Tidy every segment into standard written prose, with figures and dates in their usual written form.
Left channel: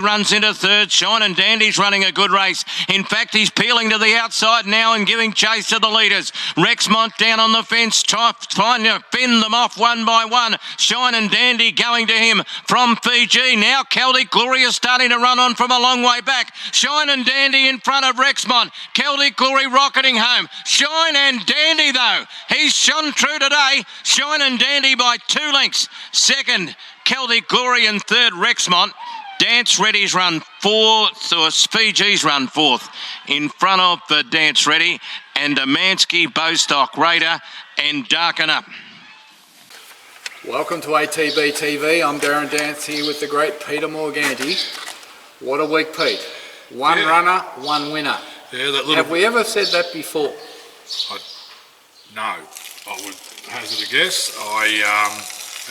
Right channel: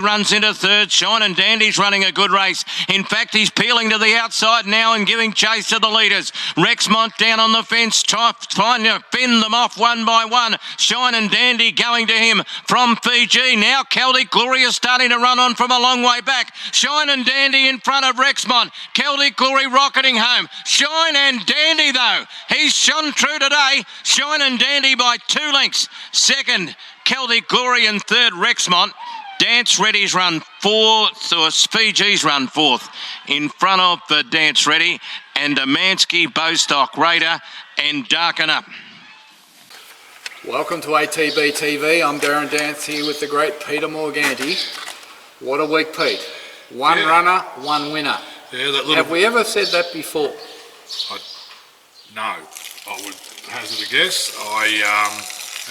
Runs into third. Shine and Dandy's running a good race. In fact, he's peeling to the outside now and giving chase to the leaders. Rexmont down on the fence, trying to fend them off one by one. Shine and Dandy going to him from Fiji. Now Celtic Glory is starting to run on from a long way back. Shine and Dandy in front of Rexmont. Celtic Glory rocketing home. Shine and Dandy though, he's shone true today. Shine and Dandy by 2 lengths. Second, Celtic Glory, and third, Rexmont. Dance Ready's run 4th, or Fiji's run 4th, in front of the Dance Ready, and Demansky, Bloodstock, Raider, and Darken Up. Welcome to ATB TV. I'm Darren Dance here with the great Peter Morganti. What a week, Pete. One runner, one winner. Yeah, that little... Have we ever said that before? No, I would hazard a guess.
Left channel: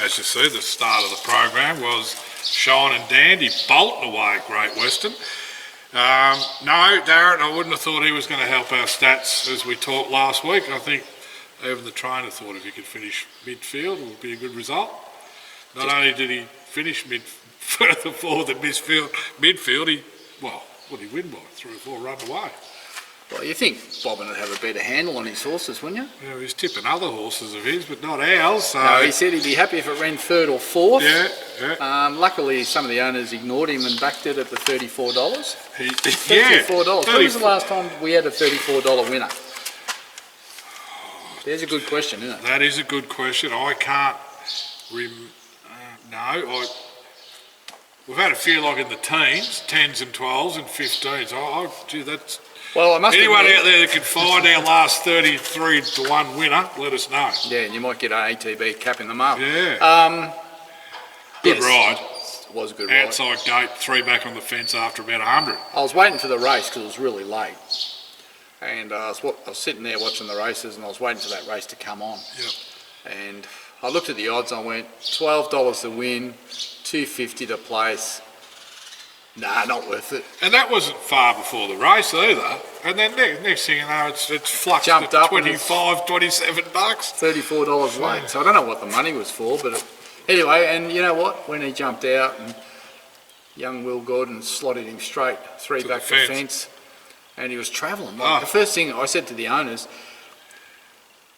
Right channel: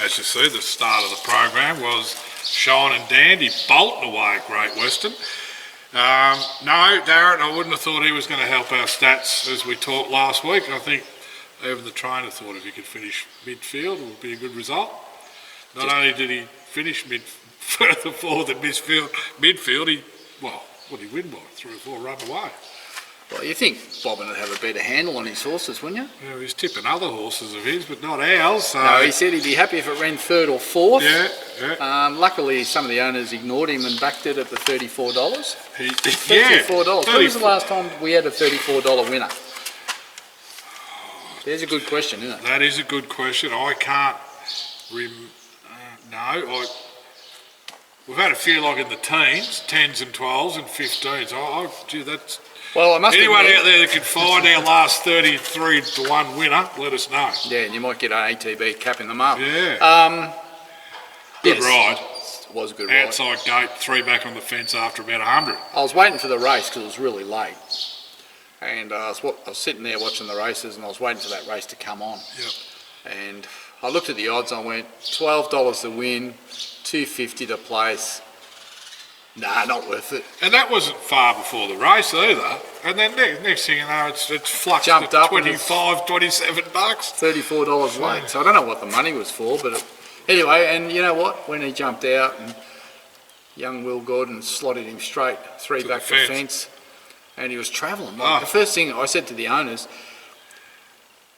As you see, the start of the program was Shine and Dandy bolting away at Great Western. No, Darren, I wouldn't have thought he was going to help our stats as we talked last week. I think even the trainer thought if he could finish midfield, it would be a good result. Not only did he finish further forward than midfield, he win by 3 or 4 run away. Well, you think Bobbin would have a better handle on his horses, wouldn't you? Yeah, he's tipping other horses of his, but not ours. So. No, he said he'd be happy if it ran 3rd or 4th. Yeah. Luckily, some of the owners ignored him and backed it at the $34. $34. When was the last time we had a $34 winner? There's a good question, isn't it? That is a good question. I can't... We've had a few like in the teens, 10s and 12s and 15s. Gee, that's... Well, I must anyone admit, out there that can find our last 33-1 winner, let us know. Yeah, and you might get an ATB capping them up. Yeah. Good ride. It was a good ride. Outside gate, 3 back on the fence after about 100. I was waiting for the race because it was really late. And I was sitting there watching the races and I was waiting for that race to come on. Yep. And I looked at the odds and I went, $12 to win, $2.50 to place. Nah, not worth it. And that wasn't far before the race either. And then next thing you know, it's fluxed jumped to up $25, $27. $34 late. So I don't know what the money was for, but anyway, and you know what? When he jumped out and young Will Gordon slotted him straight 3 back the fence, and he was travelling. The first thing I said to the owners,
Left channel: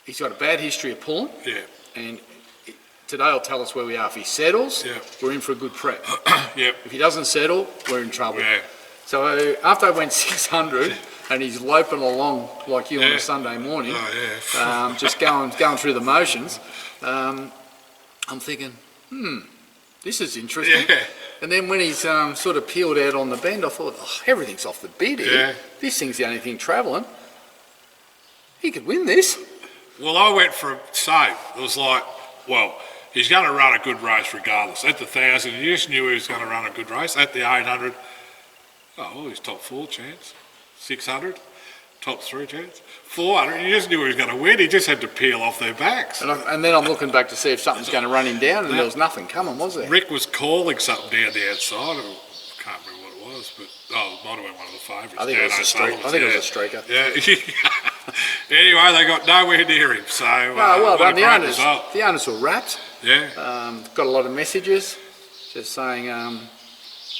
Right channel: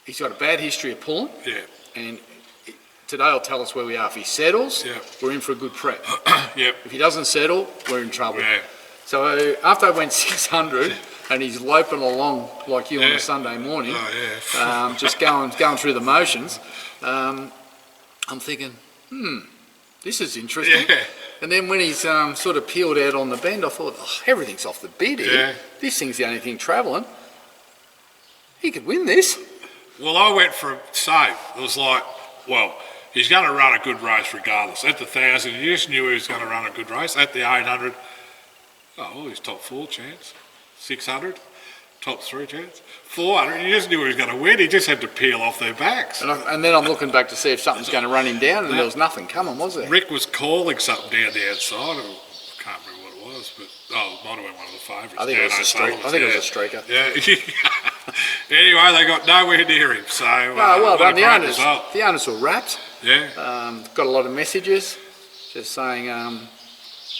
he's got a bad history of pulling. Yeah. And today will tell us where we are. If he settles, we're in for a good prep. Yep. If he doesn't settle, we're in trouble. Yeah. So after I went 600 and he's loping along like you on a Sunday morning, just going through the motions, I'm thinking, this is interesting. Yeah. And then when he's sort of peeled out on the bend, I thought, everything's off the bid here. Yeah. This thing's the only thing travelling. He could win this. Well, I went for a save. It was like, well, he's going to run a good race regardless. At the 1,000, you just knew he was going to run a good race. At the 800, he's top 4 chance. 600, top 3 chance. 400, you just knew he was going to win. He just had to peel off their backs. And then I'm looking back to see if something's going to run him down, and there was nothing coming, was there? Rick was calling something down the outside. I can't remember what it was, but it might have been one of the favourites. I think it was a streaker. Yeah. Anyway, they got nowhere near him. So well done. The owners were rapt. Yeah. Got a lot of messages just saying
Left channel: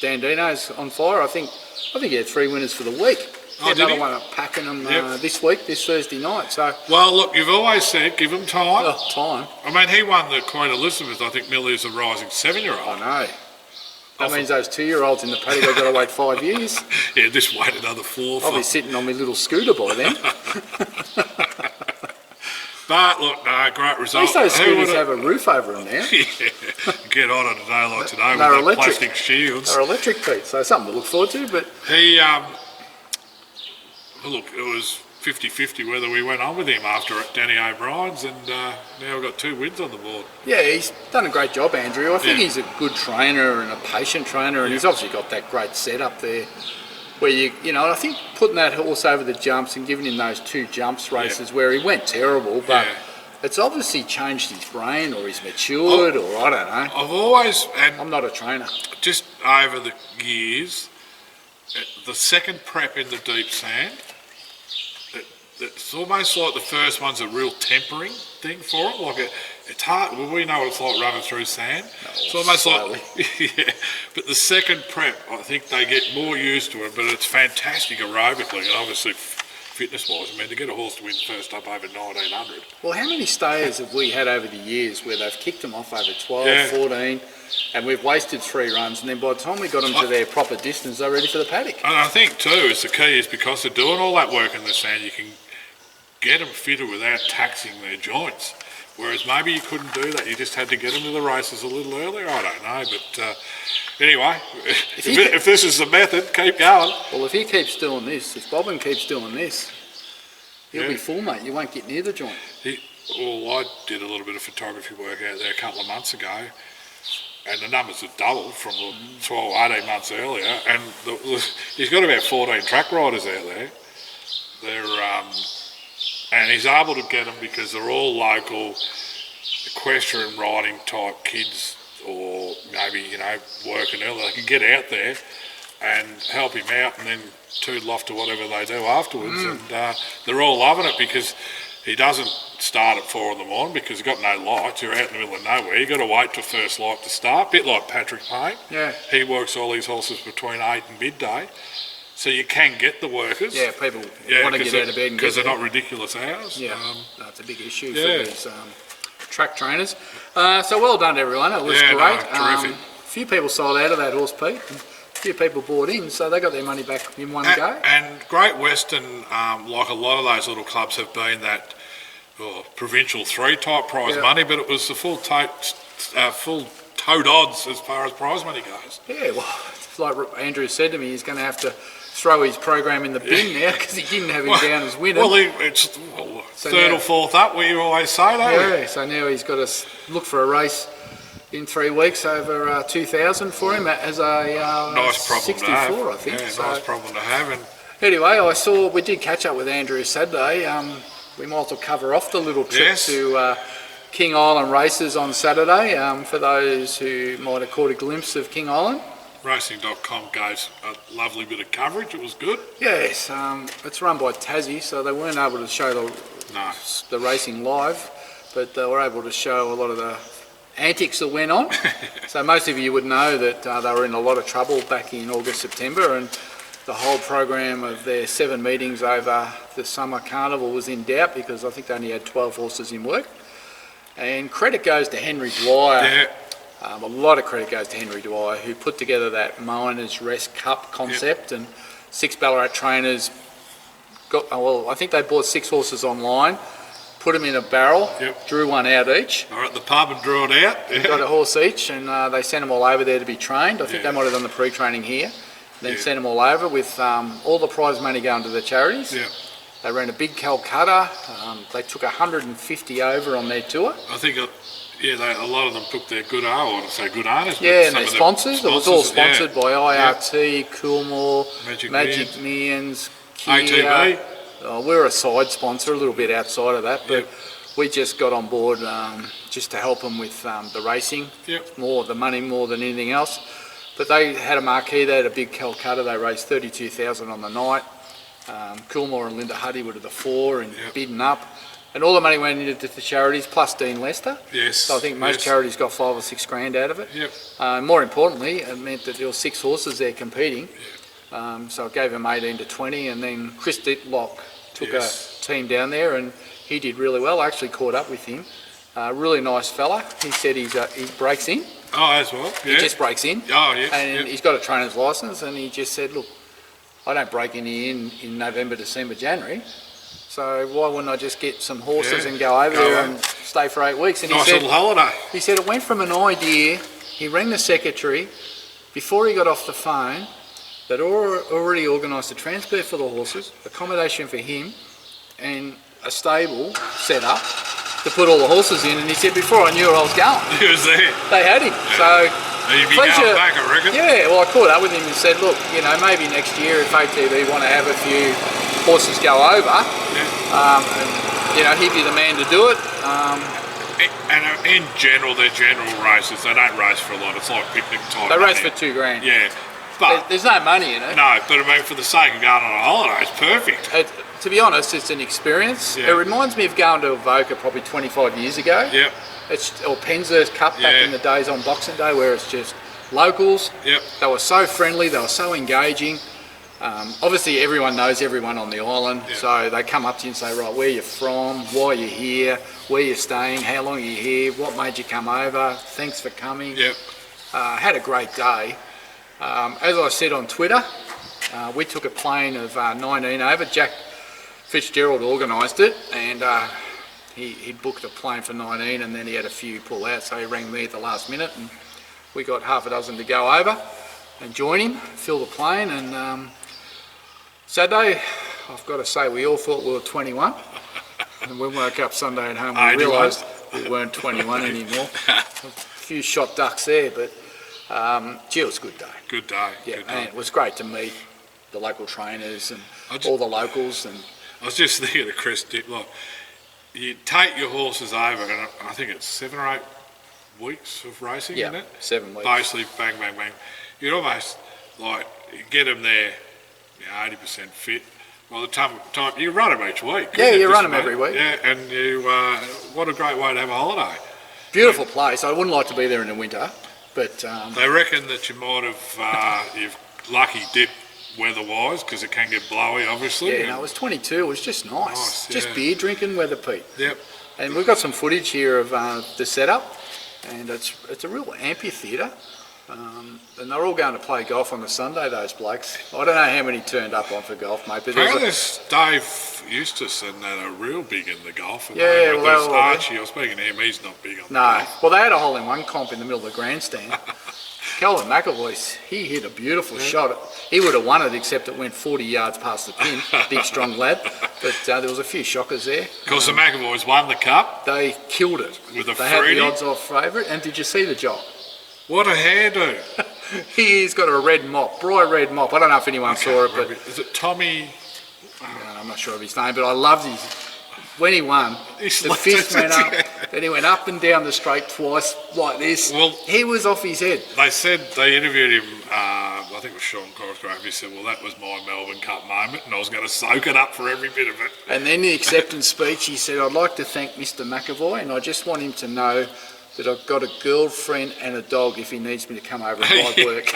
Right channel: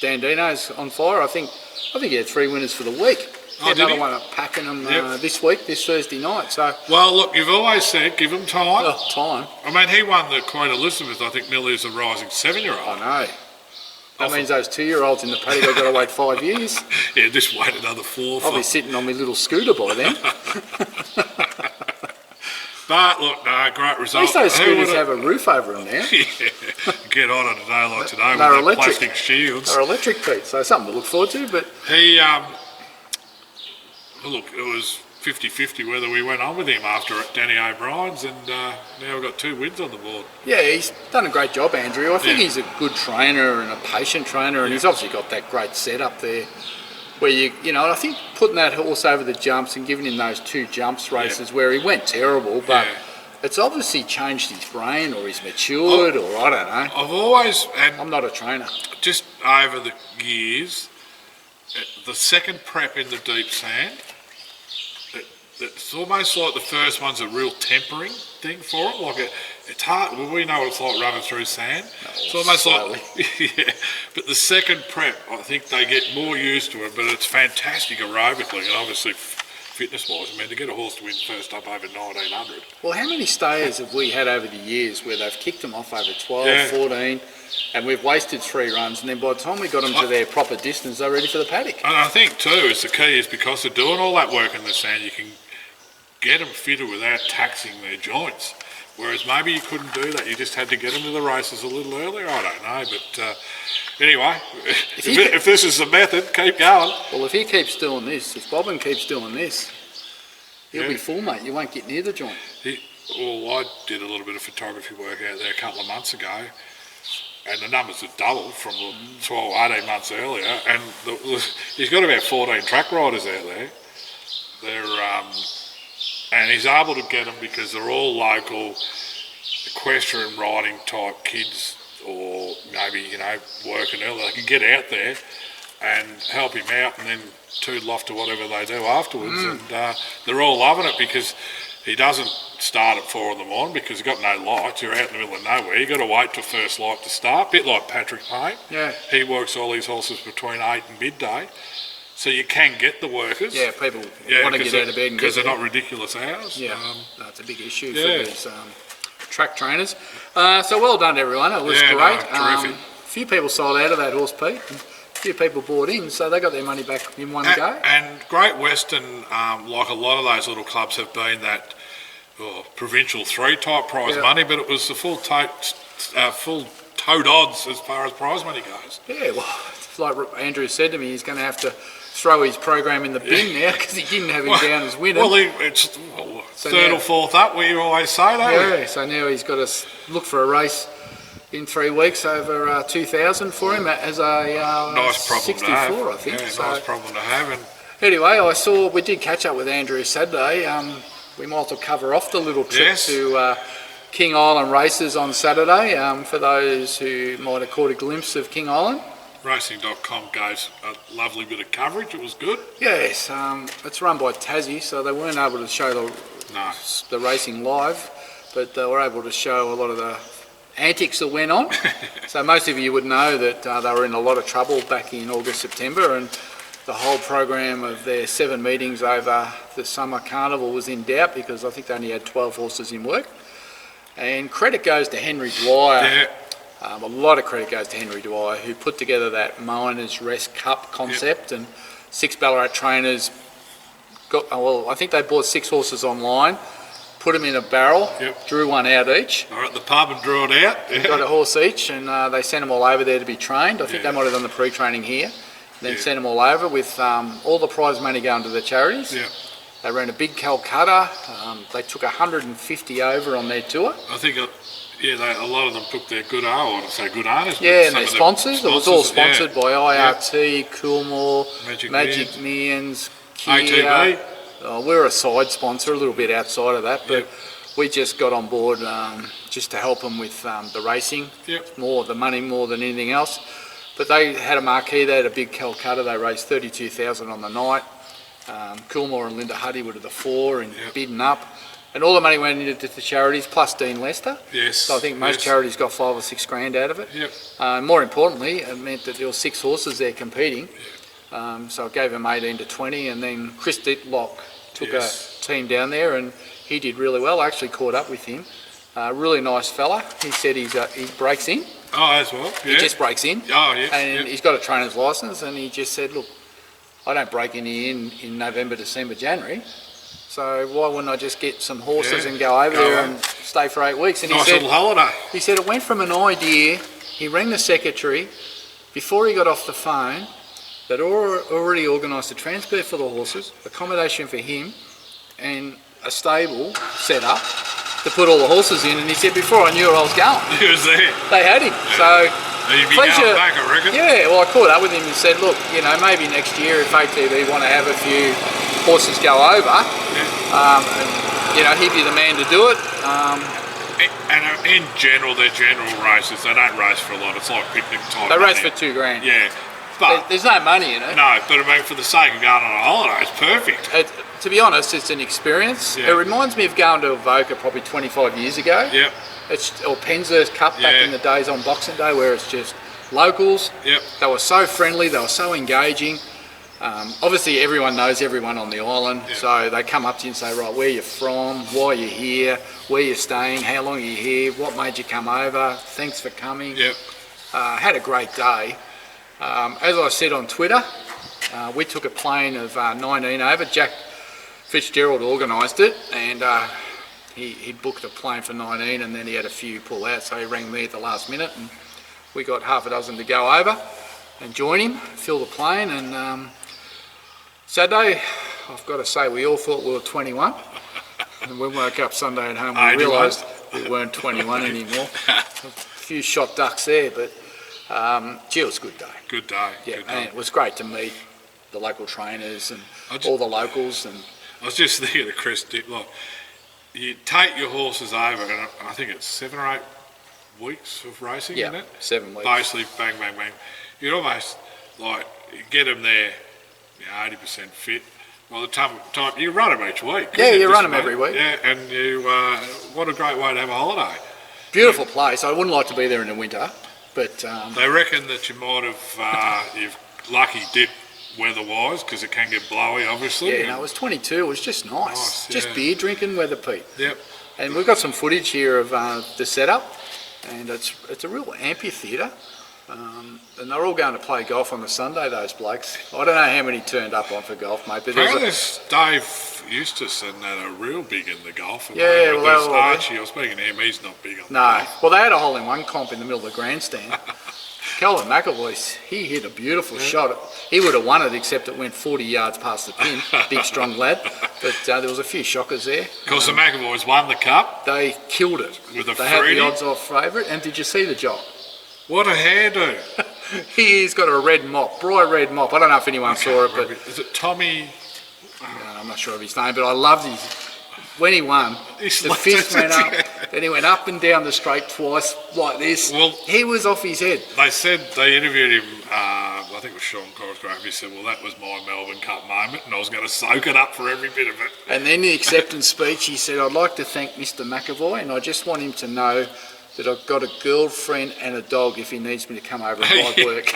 Dandino's on fire. I think he had 3 winners for the week. Another one at Pakenham this week, this Thursday night. So. Well, look, you've always said give him time. Time. I mean, he won the Queen Elizabeth. I think Millie is a rising 7-year-old. I know. That means those 2-year-olds in the paddock have got to wait 5 years. Yeah, just wait another 4. I'll be sitting on my little scooter by then. But look, great result. At least those scooters have a roof over them now. Yeah, get on a day like today they're with electric. Plastic shields. They're electric, Pete, so something to look forward to. But he, look, it was 50-50 whether we went on with him after Danny O'Brien's, and now we've got 2 wins on the board. Yeah, he's done a great job, Andrew. I think he's a good trainer and a patient trainer, and he's obviously got that great setup there where and I think putting that horse over the jumps and giving him those 2 jumps races where he went terrible, but it's obviously changed his brain or he's matured or I don't know. I've always... I'm not a trainer. Just over the years, the second prep in the deep sand, it's almost like the first one's a real tempering thing for them. Like it's hard. Well, we know what it's like running through sand. It's almost like, yeah. But the second prep, I think they get more used to it. But it's fantastic aerobically and obviously fitness-wise. I mean, to get a horse to win first up over 1900. Well, how many stayers have we had over the years where they've kicked them off over 12, 14, and we've wasted 3 runs, and then by the time we got them to their proper distance, they're ready for the paddock. And I think too, is the key is because they're doing all that work in the sand, you can get them fitter without taxing their joints. Whereas maybe you couldn't do that. You just had to get them to the races a little earlier. I don't know, but anyway, if this is the method, keep going. Well, if he keeps doing this, if Bobbin keeps doing this, he'll be full, mate. You won't get near the joint. Well, I did a little bit of photography work out there a couple of months ago, and the numbers have doubled from 12, 18 months earlier. And he's got about 14 track riders out there. They're and he's able to get them because they're all local equestrian riding type kids, or maybe working early. They can get out there and help him out, and then toodle off to whatever they do afterwards. And they're all loving it because he doesn't start at 4 in the morning because he's got no lights. You're out in the middle of nowhere. You've got to wait till first light to start. A bit like Patrick Payne. Yeah. He works all these horses between 8 and midday. So you can get the workers. Yeah, people want to get out of bed and because they're not ridiculous hours. Yeah, that's a big issue for these track trainers. So well done, everyone. It was great. No, terrific. A few people sold out of that horse, Pete. A few people bought in, so they got their money back in one go. And Great Western, like a lot of those little clubs, have been that provincial 3 type prize money, but it was the full tote odds as far as prize money goes. Yeah, well, it's like Andrew said to me, he's going to have to throw his program in the bin now because he didn't have him down as winner. Well, it's third or fourth up, we always say that. Yeah, so now he's got to look for a race in 3 weeks over 2,000 for him as a nice problem 64, to have. I think. Yeah, so, nice problem to have. And anyway, we did catch up with Andrew Saturday. We might as well cover off the little trip to King Island races on Saturday. For those who might have caught a glimpse of King Island. Racing.com gave a lovely bit of coverage. It was good. Yes, it's run by Tassie, so they weren't able to show the racing live, but they were able to show a lot of the antics that went on. So most of you would know that they were in a lot of trouble back in August, September, and the whole program of their 7 meetings over the summer carnival was in doubt because I think they only had 12 horses in work. And credit goes to Henry Dwyer. Yeah. A lot of credit goes to Henry Dwyer, who put together that Miners Rest Cup concept, and 6 Ballarat trainers I think they bought 6 horses online, put them in a barrel, drew one out each. They were at the pub and drew it out. Yeah. Got a horse each, and they sent them all over there to be trained. I think they might have done the pre-training here, then sent them all over with all the prize money going to the charities. Yeah. They ran a big Calcutta. They took 150 over on their tour. I think a lot of them took their good owners. Yeah, and their sponsors. It was all sponsored by IRT, Coolmore, Magic Millions, Kia. ATB. We're a side sponsor, a little bit outside of that, but we just got on board just to help them with the racing, the money more than anything else. But they had a marquee. They had a big Calcutta. They raised 32,000 on the night. Coolmore and Linda Huddy were to the fore and bidding up. And all the money went into the charities, plus Dean Lester. Yes. So I think most charities got 5 or 6 grand out of it. Yep. More importantly, it meant that there were 6 horses there competing. So it gave them 18 to 20, and then Chris Ditlock took a team down there, and he did really well. I actually caught up with him. Really nice fella. He said he breaks in. Oh, as well. Yeah. He just breaks in. Oh, yeah. And he's got a trainer's licence, and he just said, look, I don't break any in November, December, January. So why wouldn't I just get some horses and go over there and stay for 8 weeks? And nice little holiday. He said it went from an idea. He rang the secretary before he got off the phone. They'd already organised a transfer for the horses, accommodation for him, and a stable set up to put all the horses in. And he said before I knew where I was going, He was there. they had him. So He'd be going back, I reckon. yeah, well, I caught up with him and said, look, maybe next year if ATB want to have a few horses go over, he'd be the man to do it. And in general, they're general races. They don't race for a lot. It's like picnic type. They race for $2,000. Yeah. But there's no money in it. no, but I mean, for the sake of going on a holiday, it's perfect. To be honest, it's an experience. Yeah. It reminds me of going to Avoca probably 25 years ago. Yep. Or Penshurst Cup back Yeah. in the days on Boxing Day, where it's just locals. Yep. They were so friendly, they were so engaging. Obviously, everyone knows everyone on the island, Yeah. so they come up to you and say, right, where you from, why you here, where you staying, how long are you here, what made you come over, thanks for coming. Yep. Had a great day. As I said on Twitter, we took a plane of 19 over. Jack Fitzgerald organised it, and he booked a plane for 19, and then he had a few pull out, so he rang me at the last minute, and we got half a dozen to go over and join him, fill the plane. And Saturday, I've got to say, we all thought we were 21, and we woke up Sunday at home, we realised we weren't 21 anymore. A few shot ducks there, but gee, it was a good day. Good day. Yeah, good and day. it was great to meet the local trainers and I all the locals. And I was just thinking of Chris Dick, like, you take your horses over, and I think it's 7 or 8 weeks of racing, isn't it? 7 weeks. Basically, bang, bang, bang. You'd almost, like, you get them there, 80% fit. By the time you run them each week. Yeah, you Just run them about. every week. Yeah, and you, what a great way to have a holiday. Beautiful place. I wouldn't like to be there in the winter, but They reckon that you might have, you've lucky dip weather-wise, because it can get blowy, obviously. yeah, no, it was 22. It was just nice. Nice, Just yeah. beer drinking weather, Pete. Yep. And we've got some footage here of the setup, and it's a real amphitheatre. And they're all going to play golf on the Sunday, those blokes. I don't know how many turned up on for golf, mate, but Apparently there's Dave Eustace and that are real big in the golf. And Yeah, but well, there's they were- Archie, I was speaking to him, he's not big on the no. golf. Well, they had a hole-in-one comp in the middle of the grandstand. Calvin McAvoy, he hit a beautiful shot. He would have won it, except it went 40 yards past the pin. Big, strong lad. But there was a few shockers there. Of course, the McAvoys won the cup They killed it. with a They had fruity. the odds-off favourite. And did you see the job? What a hairdo. He's got a red mop, bright red mop. I don't know if anyone saw it, but Is it Tommy? I'm not sure of his name, but I loved his. When he won, He the slapped fist it, went up, yeah. then he went up and down the straight twice like this. Well- He was off his head. They said, they interviewed him, I think it was Sean Cosgrove, he said, well, that was my Melbourne Cup moment, and I was going to soak it up for every bit of it. And then the acceptance speech, he said, I'd like to thank Mr. McAvoy, and I just want him to know that I've got a girlfriend and a dog if he needs me to come over and buy work.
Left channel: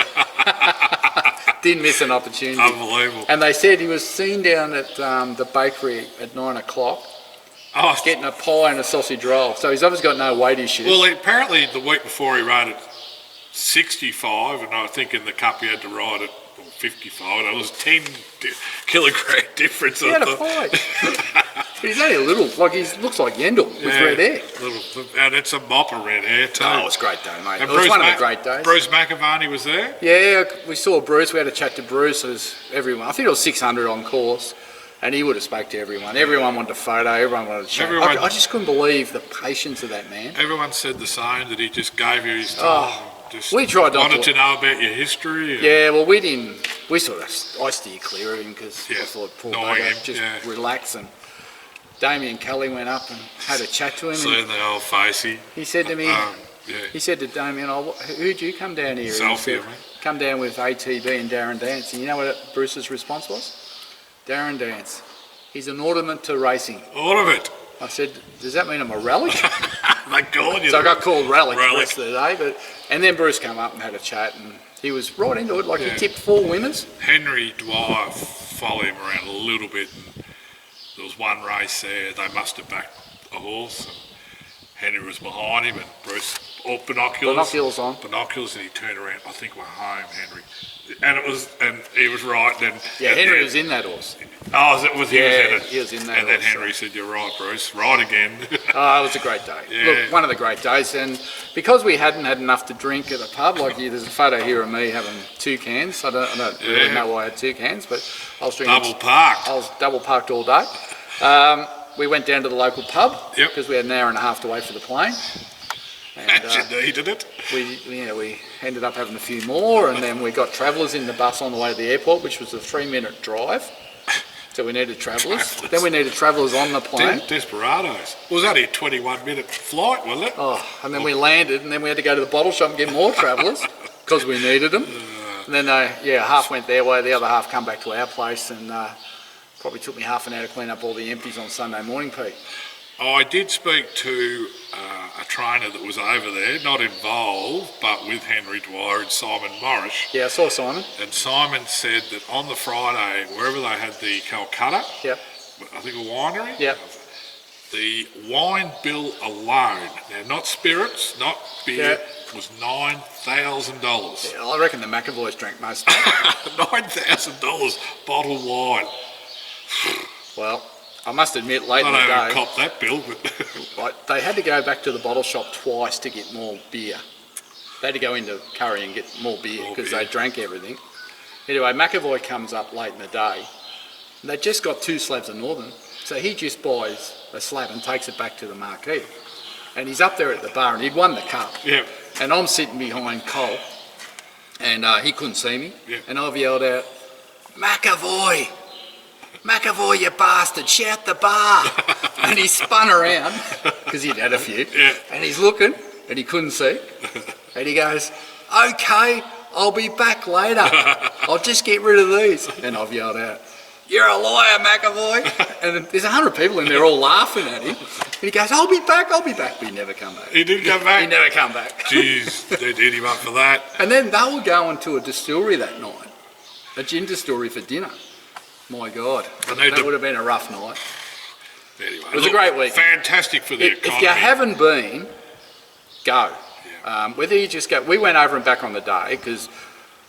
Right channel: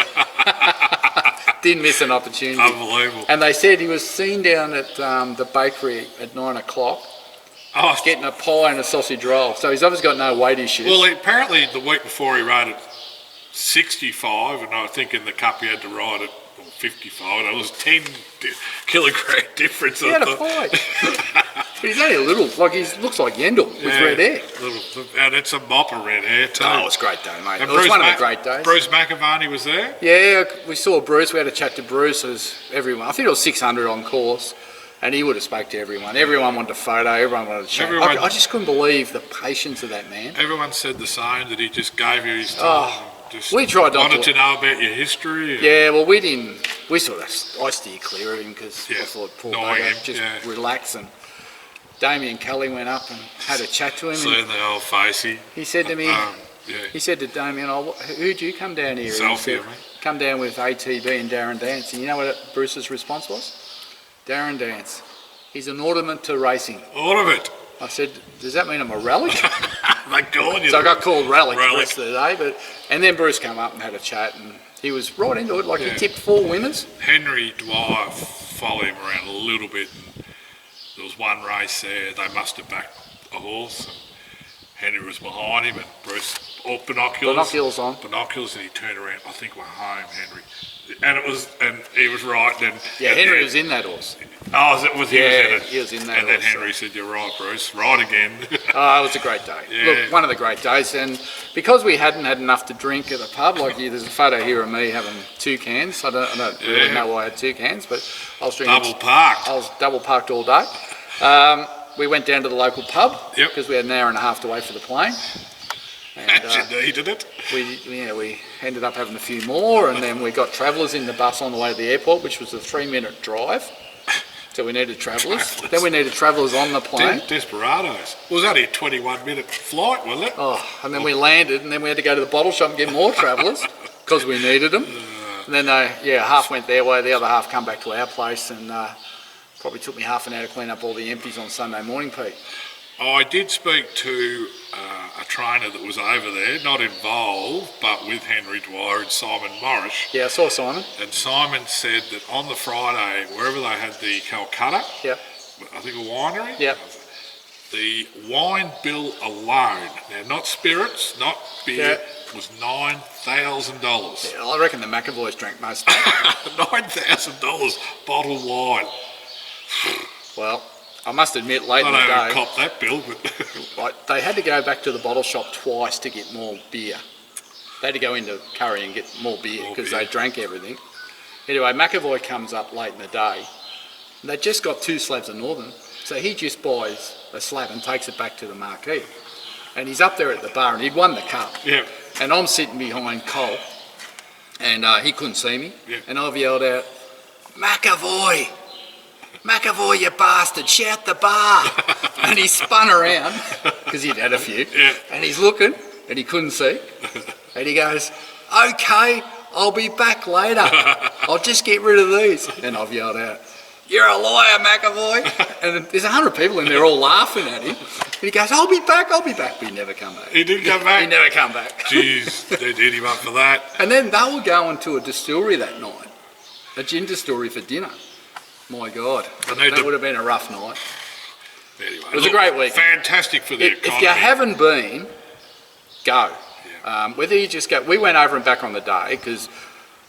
Didn't miss an opportunity. Unbelievable. And they said he was seen down at the bakery at 9 o'clock Oh, getting a pie and a sausage roll. So he's obviously got no weight issues. well, apparently the week before he rode at 65, and I think in the Cup he had to ride at 55. There was 10 kilogram difference. he had a fight. But he's only a little, like he looks like Yendel with red hair. And it's a mop of red hair too. Oh, it was a great day, mate. And It was one of the great days. Bruce McAvaney was there. Yeah, we saw Bruce. We had a chat to Bruce. As everyone, I think it was 600 on course, and he would have spoke to everyone. Everyone wanted a photo. Everyone wanted a chat. Everyone- I just couldn't believe the patience of that man. Everyone said the same, that he just gave you his time. Just we tried not wanted to- to know about your history. and- Yeah, well, we didn't. We sort of I steered clear of him because Yeah, I thought poor annoying bugger, him, just yeah. relax. And Damien Kelly went up and had a chat to him. And Seeing the old facey. he said to me, Yeah. he said to Damien, who'd you come down here? And he Selfie, said, I mean. come down with ATB and Darren Dance. And you know what Bruce's response was? Darren Dance. He's an ornament to racing. All of it. I said, does that mean I'm a relic? They call you. So I got called relic the Relic. rest of the day. And then Bruce came up and had a chat, and he was right into it. Like Yeah. he tipped 4 winners. Henry Dwyer followed him around a little bit, and there was one race there. They must have backed a horse, and Henry was behind him, and Bruce, binoculars. Binoculars on. Binoculars, and he turned around. I think we're home, Henry. And he was right. Then Yeah, Henry was in that horse. Oh, he was in it. he was in that And then horse, Henry said, "You're right, Bruce. Right again." Oh, it was a great day. Yeah. Look, one of the great days. And because we hadn't had enough to drink at the pub, like there's a photo here of me having 2 cans. I don't really Yeah. know why I had 2 cans, but I was drinking. Double parked. I was double parked all day. We went down to the local pub Yep. because we had an hour and a half to wait for the plane. And, You needed it. we ended up having a few more, and then we got travellers in the bus on the way to the airport, which was a 3-minute drive. So we needed travellers. Then we needed travellers on the plane. Desperados. It was only a 21-minute flight, wasn't it? Oh, and then we landed, and then we had to go to the bottle shop and get more travellers because we needed them. And then half went their way, the other half come back to our place, and probably took me half an hour to clean up all the empties on Sunday morning, Pete. I did speak to a trainer that was over there, not involved, but with Henry Dwyer and Simon Morris. Yeah, I saw Simon. And Simon said that on the Friday, wherever they had the Calcutta, Yep. I think a winery, Yep. the wine bill alone, now not spirits, not beer, was $9,000. Yeah, I reckon the McAvoys drank most of it. $9,000 bottled wine. Well, I must admit, late in the I don't day, cop that bill, but like, they had to go back to the bottle shop twice to get more beer. They had to go into Curry and get more beer because they drank everything. Anyway, McAvoy comes up late in the day, and they just got 2 slabs of Northern, so he just buys a slab and takes it back to the marquee. And he's up there at the bar, and he'd won the cup. yeah. And I'm sitting behind Cole, and he couldn't see me, Yeah. and I've yelled out, "McAvoy! McAvoy, you bastard, shout the bar." And he spun around, because he'd had a few, and he's looking, and he couldn't see, and he goes, "Okay, I'll be back later. I'll just get rid of these." And I've yelled out, "You're a liar, McAvoy." And there's 100 people in there all laughing at him. And he goes, I'll be back. But he never come back. He didn't come back? He never come back. Jeez, they did him up for that. And then they were going to a distillery that night, a gin distillery for dinner. My God, that would have been a rough night. Anyway, It was a great week. Fantastic for the economy. If you haven't been, go. Yeah. Whether you just go, we went over and back on the day because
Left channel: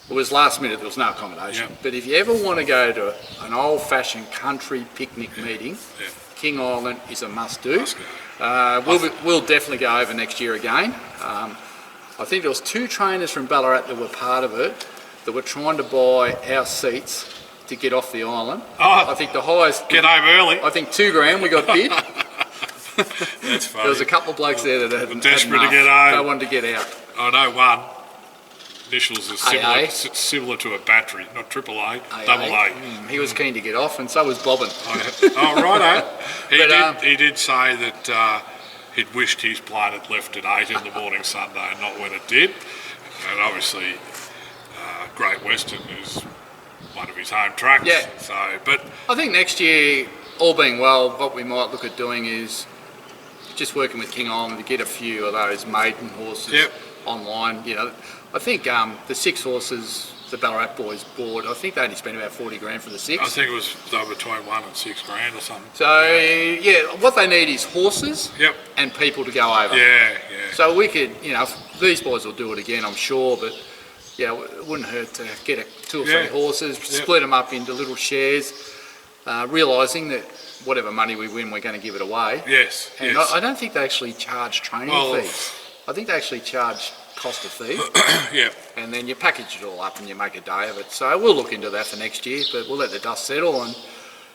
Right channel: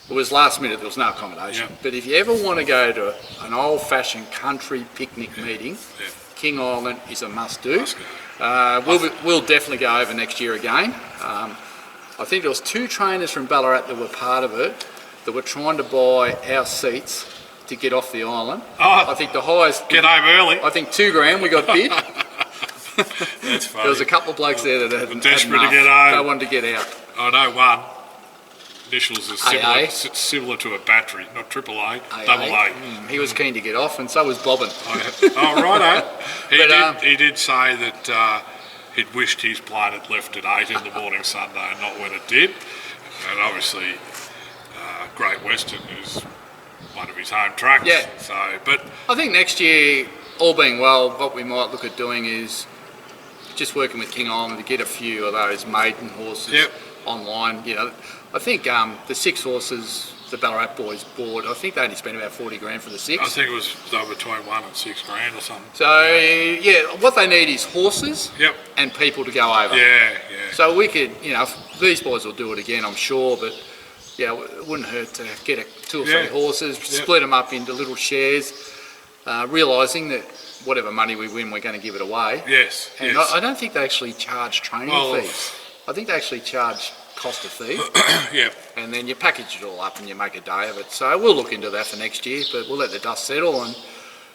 it was last minute, there was no accommodation. Yeah. But if you ever want to go to an old-fashioned country picnic meeting, Yeah. King Island is a must-do. Must go. We'll definitely go over next year again. I think there was 2 trainers from Ballarat that were part of it that were trying to buy our seats to get off the island. Oh, I think the highest... get home early. I think $2,000 we got bid. That's funny. There was a couple of blokes there that had Desperate to enough. get home. They wanted to get out. I know one. Initials are similar, AA. similar to a battery, not AAA, AA. double A. He was keen to get off, and so was Bobbin. Oh, righto. But, He did say that he'd wished his plane had left at 8 in the morning Sunday and not when it did. And obviously, Great Western is one of his home tracks. Yeah. So, but I think next year, all being well, what we might look at doing is just working with King Island to get a few of those maiden horses Yep. online. You know, I think the 6 horses the Ballarat boys bought, I think they only spent about $40,000 for the 6. I think it was between $1 and $6,000 or something. So yeah, what they need is horses Yep. and people to go over. Yeah. So we could, these boys will do it again, I'm sure, but yeah, it wouldn't hurt to get 2 or 3 horses, split them up into little shares, realising that whatever money we win, we're going to give it away. Yes. And yes. I don't think they actually charge training fees. I think they actually charge cost of fee, Yeah. and then you package it all up and you make a day of it. So we'll look into that for next year, but we'll let the dust settle and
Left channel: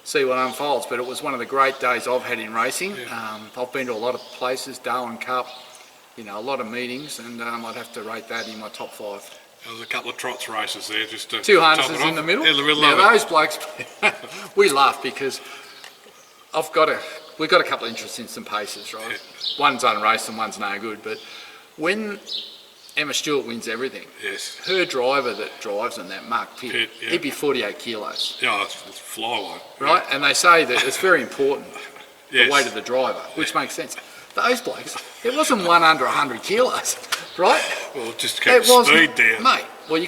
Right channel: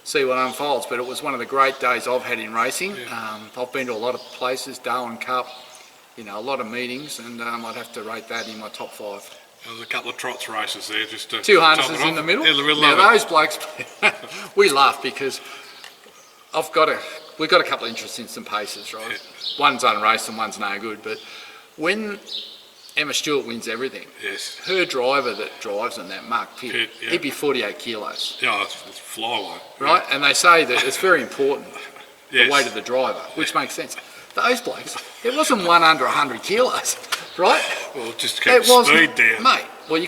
see what unfolds. But it was one of the great days I've had in racing. I've been to a lot of places, Darwin Cup, a lot of meetings, and I'd have to rate that in my top 5. There was a couple of trots races there, just to 2 top harnesses it in the off. middle. In the middle Now of it. those blokes, we laugh because we've got a couple of interests in some paces, right? One's unraced and one's no good. But when Emma Stewart wins everything, Yes. her driver that drives in that Mark Pitt, yeah. he'd be 48 kilos, Yeah, it's flyweight. right? And they say that it's very important, Yes. the weight of the driver, which makes sense. Those blokes, it wasn't one under 100 kilos, right? Well, just keep the speed down. Mate, well,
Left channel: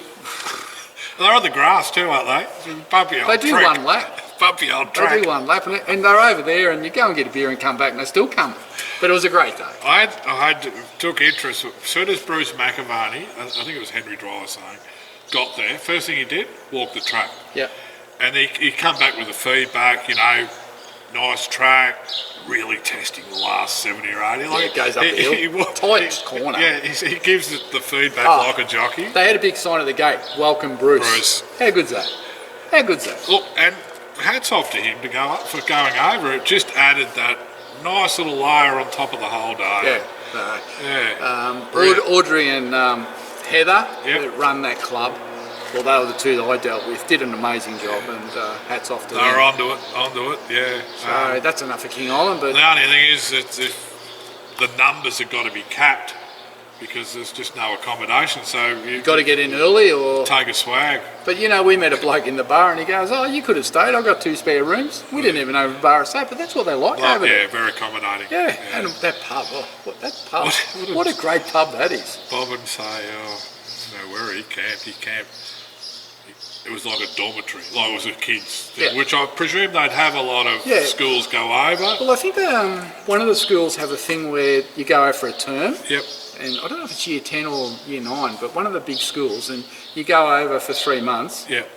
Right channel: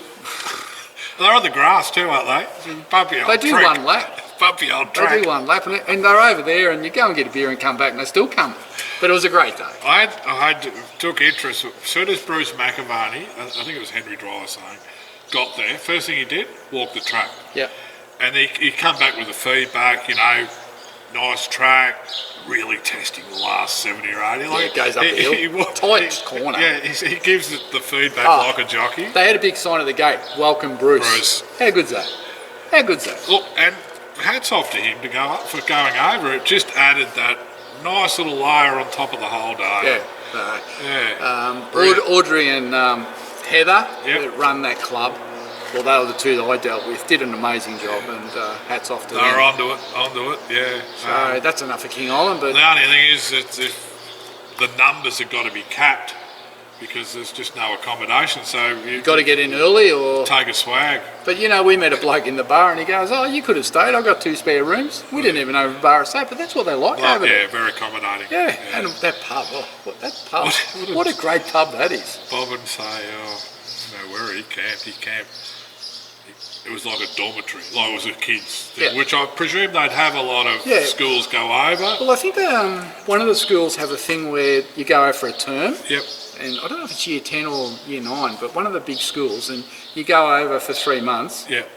They're on the grass too, aren't they? Bumpy old they do track. one lap. Bumpy old They track. do one lap, and they're over there, and you go and get a beer and come back, and they're still coming. But it was a great day. I took interest as soon as Bruce McAvaney, I think it was Henry Dwyer saying, got there. First thing he did, walk the track. Yeah. And he come back with the feedback, nice track, really testing the last 70 or 80. Yeah, it goes up the hill. Tight corner. Yeah, he gives it the feedback Oh. like a jockey. They had a big sign at the gate, welcome Bruce. How good's that? How good's that? Look, and hats off to him for going over. It just added that nice little layer on top of the whole day. Yeah. Brilliant. Audrey and Heather, Yep. that run that club, well, they were the 2 that I dealt with, did an amazing job, and hats off to them. They're onto it, yeah. So that's enough for King Island, but The only thing is that if the numbers have got to be capped, because there's just no accommodation. So you've Got to get in early or... take a swag. But you know, we met a bloke in the bar and he goes, "Oh, you could have stayed. I've got 2 spare rooms." We didn't even know the bar was safe, but that's what they like over there. Yeah, very accommodating. Yeah, and that pub, that pub, what a great pub that is. Bob would say, where he camped. It was like a dormitory, like it was a kids thing, which I presume they'd have a lot of schools go over. Well, I think one of the schools have a thing where you go over for a term. Yep. And I don't know if it's year 10 or year 9, but one of the big schools, and you go over for 3 months. Yep.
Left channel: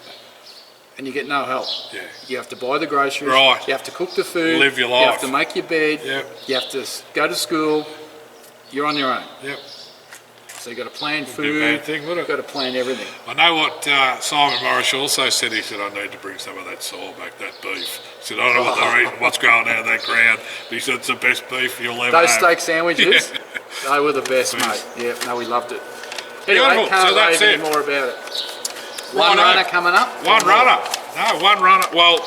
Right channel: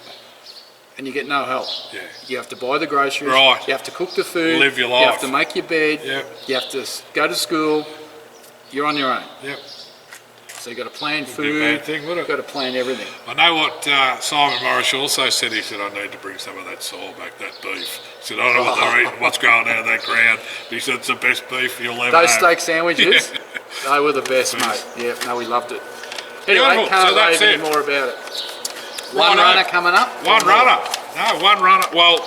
And you get no help. Yeah. You have to buy the groceries. Right. You have to cook the food. Live your life. You have to make your bed. Yep. You have to go to school. You're on your own. Yep. So you've got to plan food. Wouldn't be a bad thing, would it? You've got to plan everything. I know what Simon Morris also said. He said, "I need to bring some of that soul back, that beef." He said, "I don't know what they're eating, what's going down that ground." But he said, "It's the best beef you'll ever Those have." steak sandwiches, Yeah. they were the best, mate. Yeah, no, we loved it. Anyway, Beautiful. can't So that's rave it. any more about it. One Righto. runner coming up. One runner. No, one runner. Well,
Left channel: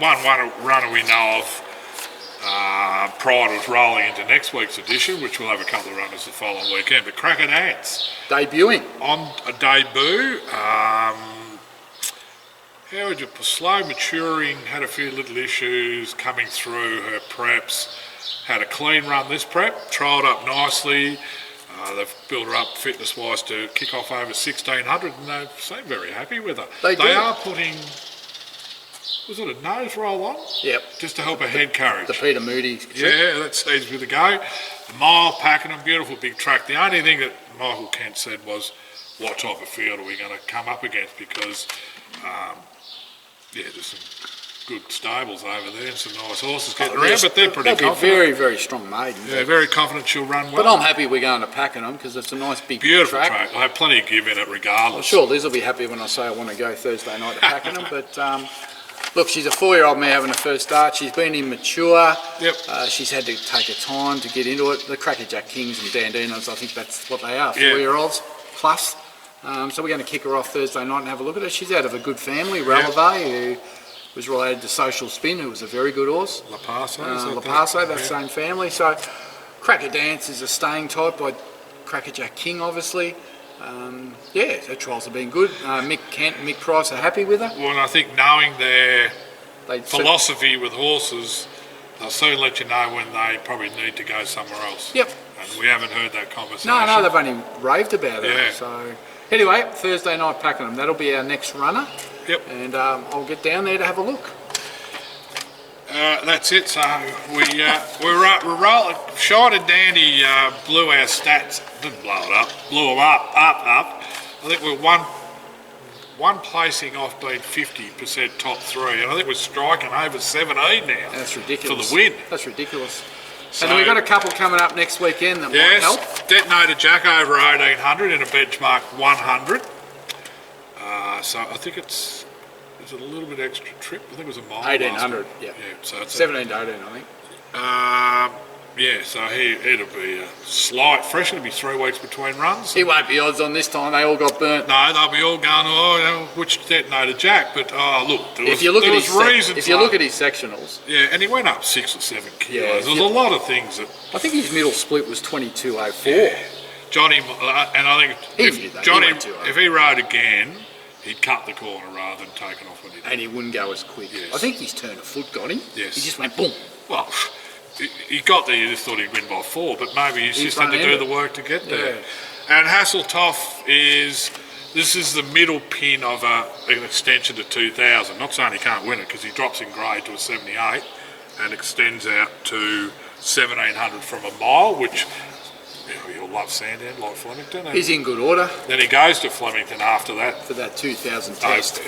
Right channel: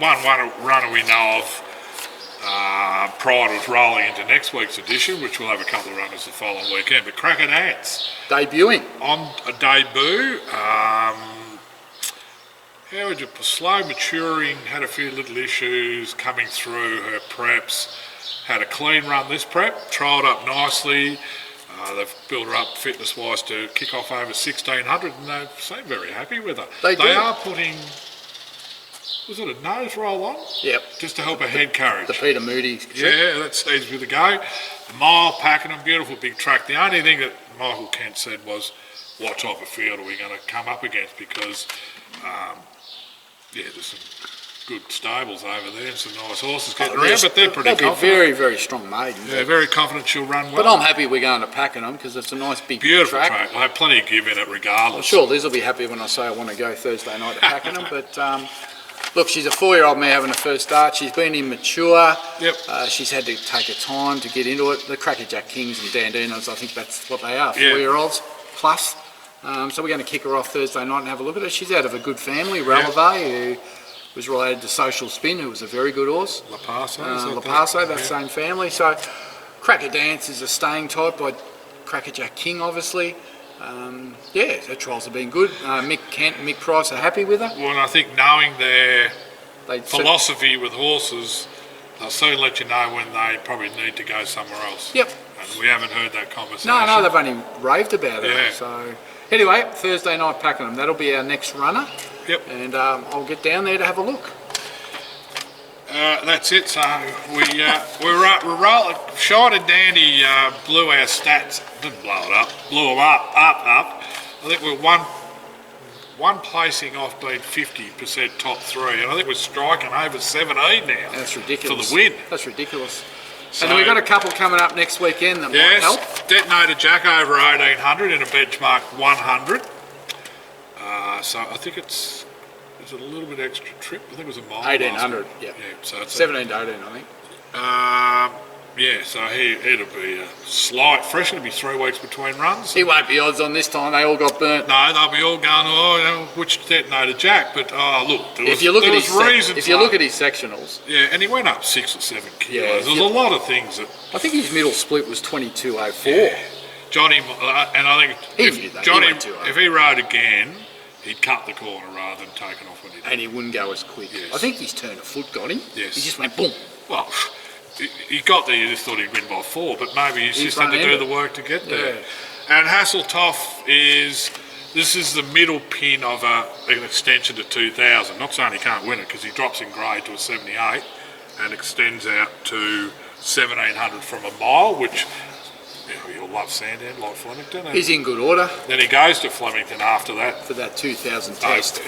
one runner we know of prior to us rolling into next week's edition, which we'll have a couple of runners the following weekend. But Cracker Dance Debuting. on a debut. How would you slow maturing? Had a few little issues coming through her preps. Had a clean run this prep. Trialled up nicely. They've built her up fitness-wise to kick off over 1,600, and they seem very happy with her. They do. are putting, was it a nose roll on? Yep. Just to help her head carriage. The Peter Moody. Yeah, that seems with a go. The mile packing them, beautiful big track. The only thing that Michael Kent said was, what type of field are we going to come up against? Because, there's some good stables over there and some nice horses getting around, but they're pretty confident. Very, very strong maiden. Yeah, very confident she'll run well. But I'm happy we're going to Pakenham because it's a nice big Beautiful track. track. We'll have plenty of give in it regardless. I'm sure Liz will be happy when I say I want to go Thursday night to Pakenham. But look, she's a 4-year-old mare having a first start. She's been immature. Yep. She's had to take her time to get into it. The Crackerjack Kings and Dandinos, I think that's what they are, Yeah. 4-year-olds plus. So we're going to kick her off Thursday night and have a look at her. She's out of a good family, Ralave, who was related to Social Spin, who was a very good horse. La Paso, that same family. So Cracker Dance is a staying type by Crackerjack King, obviously. Her trials have been good. Mick Kent and Mick Price are happy with her. Well, and I think knowing their They philosophy with horses, they'll soon let you know when they probably need to go somewhere else. Yep. And we haven't heard that conversation. No, they've only raved about it. Yeah. So anyway, Thursday night Pakenham. That'll be our next runner. Yep. And I'll get down there to have a look. That's it. So we're rolling. Shot and Dandy blew our stats. Didn't blow it up. Blew them up. I think we're one placing off being 50% top 3, and I think we're striking over 17 now. That's ridiculous. For the win. That's ridiculous. So, and then we've got a couple coming up next weekend that might help. Detonator Jack over 1800 in a benchmark 100. So I think it's a little bit extra trip. I think it was a mile. 1800, yeah. So it's 17 to 18, I think. So it'll be a slight fresh. It'll be 3 weeks between runs. He won't be odds on this time. They all got burnt. No, they'll be all going, which Detonator Jack? But look, If you look at his sectionals. sectionals, Yeah, and he went up 6 or 7 kilos. Yeah, There's a lot of things that. I think his middle split was 22.04. Yeah. Johnny, and I think if he rode again, he'd cut the corner rather than taken off when he did. And he wouldn't go as quick. Yes. I think his turn of foot got him. Yes. He just went boom. Well, he got there, you just thought he'd win by 4, but maybe he's just had to do the work to get there. Yeah. And Hasseltoff this is the middle pin of an extension to 2000. Not saying he can't win it because he drops in grade to a 78 and extends out to 1700 from a mile, which you'll love Sandown, like Flemington. He's in good order. Then he goes to Flemington after that. For that 2000 test.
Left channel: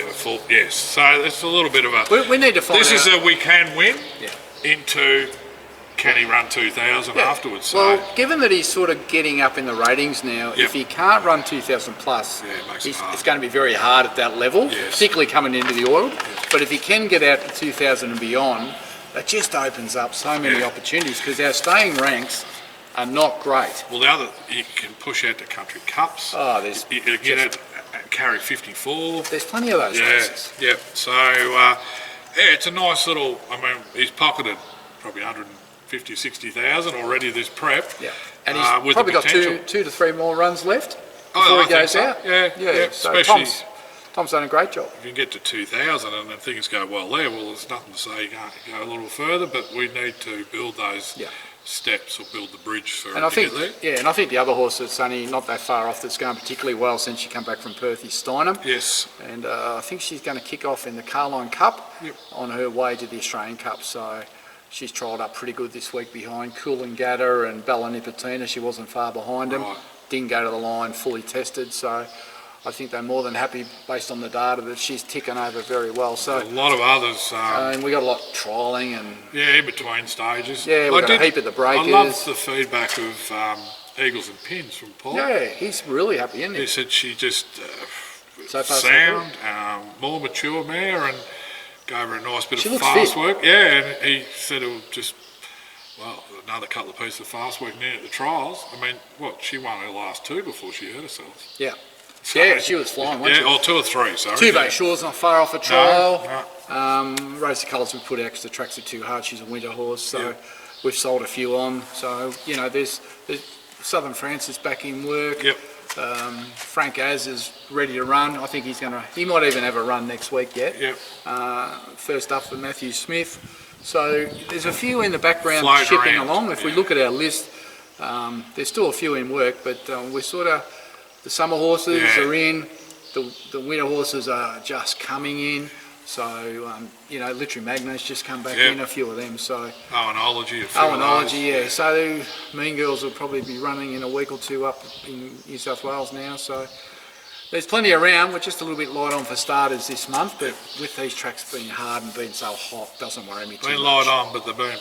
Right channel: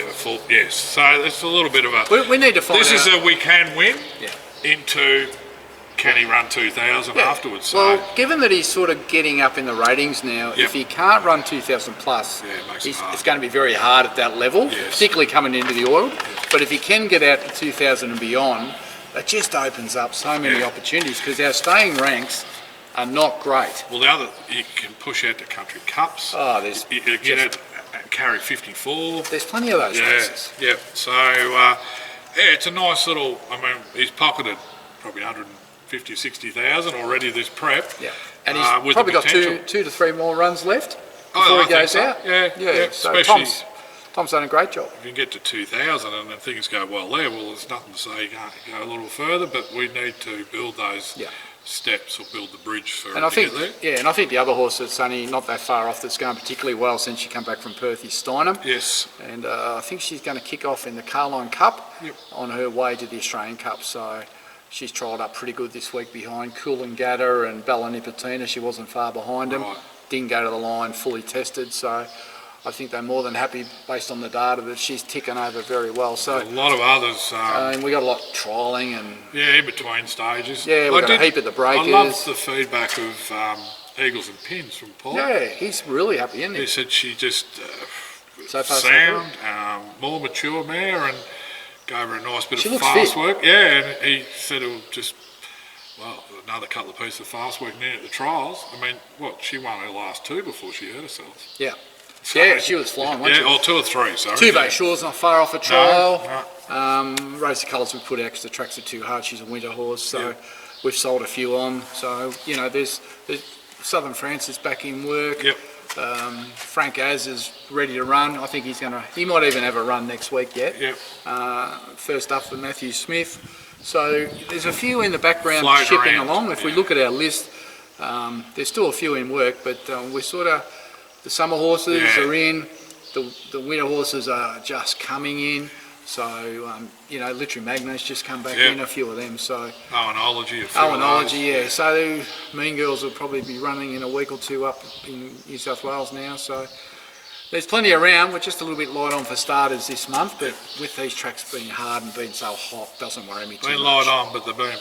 Yes, so it's a little bit of a... We need to find out. This is a we can win Yeah. into... Can he run 2000 afterwards? So, well, given that he's sort of getting up in the ratings now, if he can't run 2000 plus, it's going to be very hard at that level, particularly coming into the oil. But if he can get out to 2000 and beyond, it just opens up so many opportunities because our staying ranks are not great. Well, the other, you can push out to country cups. Oh, there's you get out and carry 54. There's plenty of those races. Yeah. So it's a nice little. I mean, he's pocketed probably 150, 60,000 already this prep. Yeah. And he's with probably the got potential. two to three more runs left before I he think goes so. out. Yeah. So Especially Tom's done a great job. if you get to 2,000 and then things go well there, well, there's nothing to say you can't go a little further, but we need to build those steps or build the bridge for And I to think, get there. and I think the other horse that's only not that far off that's going particularly well since she come back from Perth is Steinem. Yes. And I think she's going to kick off in the Carline Cup Yep. on her way to the Australian Cup. So she's trialled up pretty good this week behind Coolangatta and Bella Nipotina. She wasn't far behind them. Right. Didn't go to the line, fully tested. So I think they're more than happy based on the data that she's ticking over very well. So A lot of others, and we got a lot of trialling and in between stages. yeah, we've got a heap at the breakers. I loved the feedback of Eagles and Pins from Paul. Yeah, he's really happy, isn't he? He said she just So far, so sound, more mature mare, and gave her a nice bit She of looks fast fit. work. Yeah, and he said it would just, well, another couple of pieces of fast work near at the trials. I mean, she won her last two before she hurt herself. Yeah. So, Yeah, she was flying, wasn't or two or three, sorry. Two Bay Shore's not far off a trial. No. Race of Colours, we put out 'cause the tracks are too hard. She's a winter horse, so Yeah. we've sold a few on. So, there's Southern France is back in work. Yep. Frank Az is ready to run. I think he might even have a run next week yet. Yep. First up for Matthew Smith. So there's a few in the background Floating chipping around, along. If we look at our list, there's still a few in work, but we're sort of, the summer horses are in, the winter horses are just coming in. So, Literary Magna's just come back in, a few of them. So Owenology, a few of those. yeah. So Mean Girls will probably be running in a week or two up in New South Wales now. So there's plenty around. We're just a little bit light on for starters this month, but with these tracks being hard and being so hot, doesn't worry me too Been much. light on, but they've been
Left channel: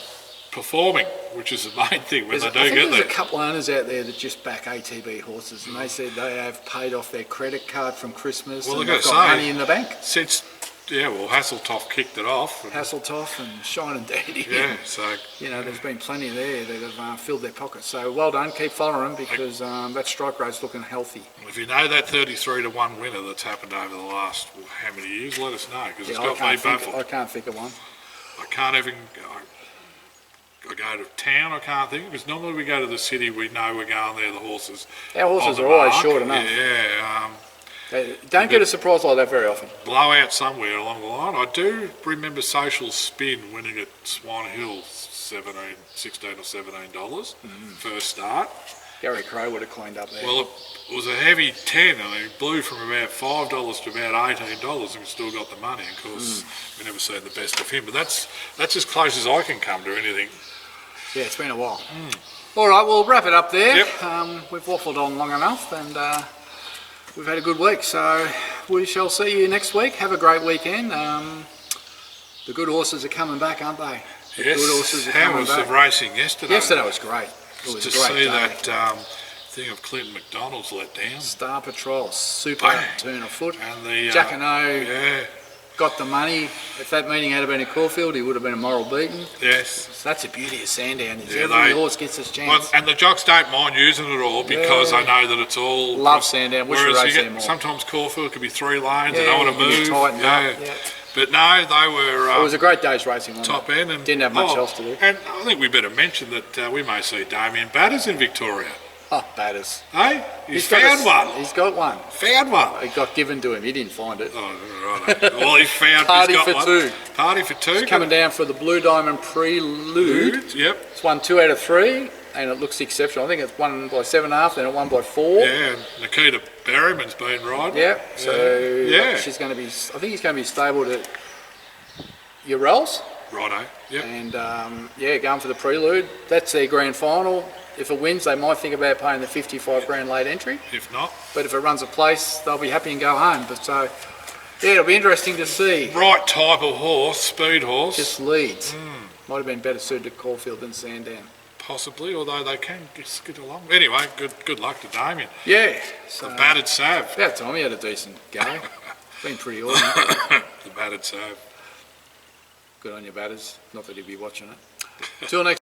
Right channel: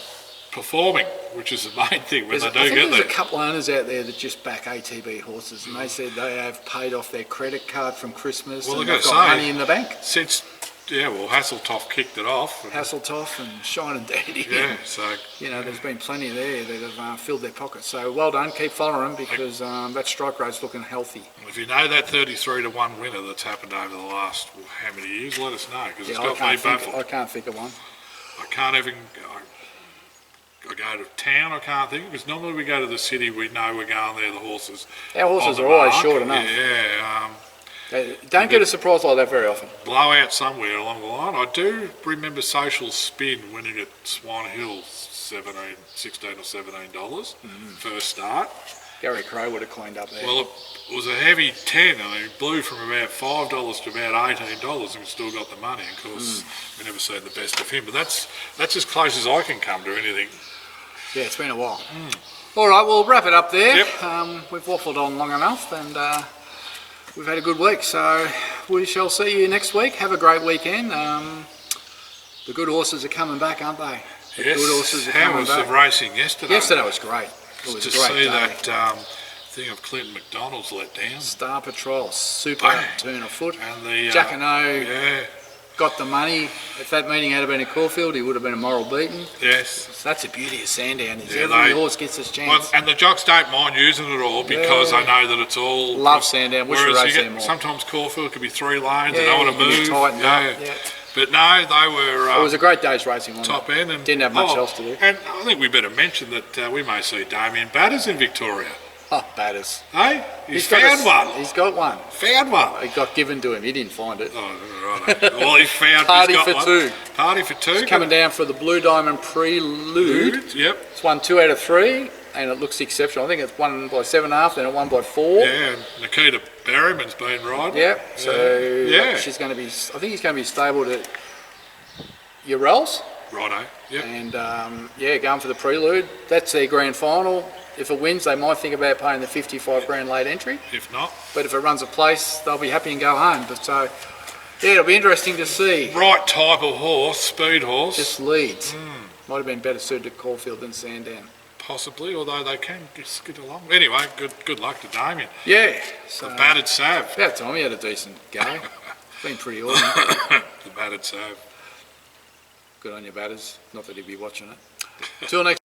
performing, which is the main thing when I they do think get there's there. a couple owners out there that just back ATB horses, and they said they have paid off their credit card from Christmas Well, and I've they've got got to say, money in the bank. Since, Hasseltoff kicked it off. And, Hasseltoff and Shine and Dandy. yeah, so There's been plenty there that have filled their pockets. So well done, keep following them because that strike rate's looking healthy. if you know that 33-1 winner that's happened over the last, how many years, let us know, because it's got me baffled. I can't think of one. I can't even, I go to town, I can't think, because normally we go to the city, we know we're going there, the horses. Our horses on are the always mark. short enough. Yeah, They don't get a surprise like that very often. blowout somewhere along the line. I do remember Social Spin winning at Swan Hill $16 or $17 first start. Gary Crow would have cleaned up there. Well, it was a heavy 10 and he blew from about $5 to about $18 and still got the money. Of course, we never seen the best of him, but that's as close as I can come to anything. Yeah, it's been a while. All right, we'll wrap it up there. Yep. We've waffled on long enough and we've had a good week. So we shall see you next week. Have a great weekend. The good horses are coming back, aren't they? The Yes, good horses are how coming was back. the racing yesterday? Yesterday was great. It was to a great see day. that thing of Clinton McDonald's let down. Star Patrol, super Bang. turn of foot. And the Jack and O yeah, got the money. If that meeting had been at Caulfield, he would have been a moral beaten. yes. So that's the beauty of Sandown. Is Yeah, every they- horse gets his chance. Well, and the jocks don't mind using it all because Yeah. they know that it's all. Love Sandown. Wish we Whereas raced you there more. sometimes Caulfield could be 3 lanes. Yeah, they don't want you to can move. tighten up, yeah. But no, they were It was a great day's racing. Wasn't top it? end and Didn't have much else to do. And I think we better mention that we may see Damien Batters in Victoria. Oh, batters. Hey, he's got found one. He's got one. Found one. It got given to him. He didn't find it. Oh, right. Well, he's found. Party he's got for one. two. Party for two. Coming down for the Blue Diamond Prelude. Yep. It's won 2 out of 3, and it looks exceptional. I think it's won by 7.5, then it won by 4. Yeah, and Nikita Berryman's been riding. Yeah. So Yeah. she's going to be. I think he's going to be stable to Urels. Righto. Yep. And going for the Prelude. That's their grand final. If it wins, they might think about paying the 55 grand late entry. If not, But if it runs a place, they'll be happy and go home. But so, yeah, it'll be interesting to see. right type of horse, speed horse. Just leads. Might have been better suited to Caulfield than Sandown. Possibly, although they can just get along. Anyway, good luck to Damien. Yeah. So, The battered Sav. about time he had a decent go. Been pretty ordinary. The battered Sav. Good on your batters. Not that he'd be watching it. Till next